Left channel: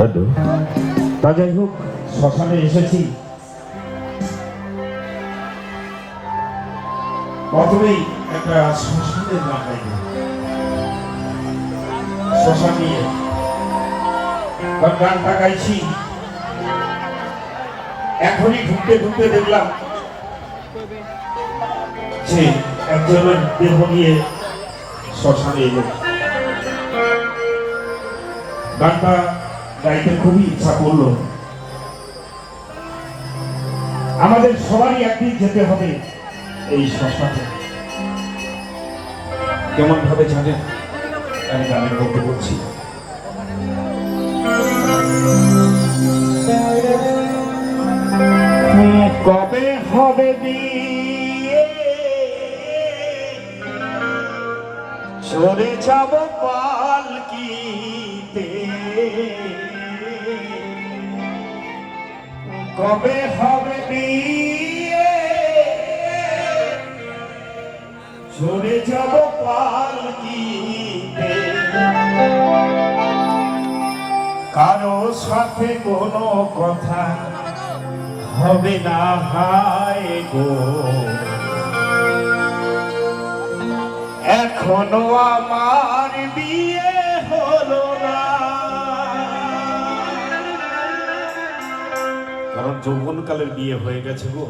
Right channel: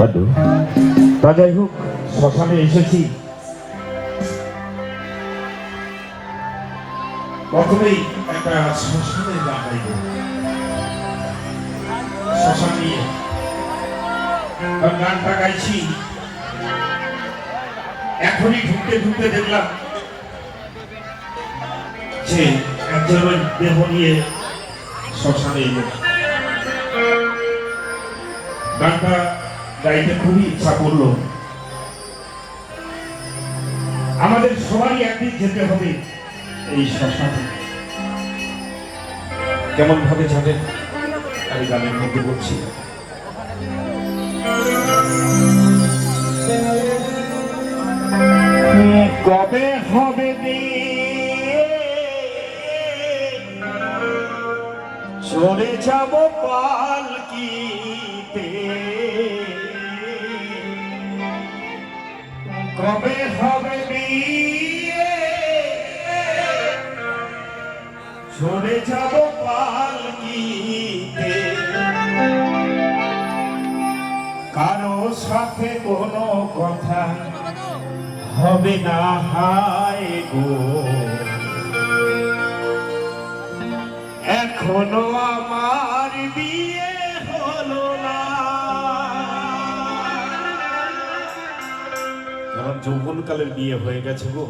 Hello তা হোক, শ্মশানে এসেছি। প্রথমেই একটা শ্মশানের গান গাইব শ্মশান নিয়ে গানটা গাইছি। এখনই ঢুকতে ঢুকতে দেখলাম যে একজনের দেহ নিয়ে শ্মশানে এলো। গানটা গাইতে খুবই ইচ্ছা করল। আমাদের সবারই একদিন যেতে হবে এই শ্মশানে। কেমন ভাবে জানেন? আমি গানের মধ্যে বলছি। কবে হবে? চলে যাব পালকিতে কবে হবে বিয়ে। চলে যাব পালকিতে। কারও সাথে কোনো কথা হবে না, হায় গো। এখনও আমার বিয়ে হলো না। কারণ যৌবনকালের বিয়ে হয়ে গেছে গো।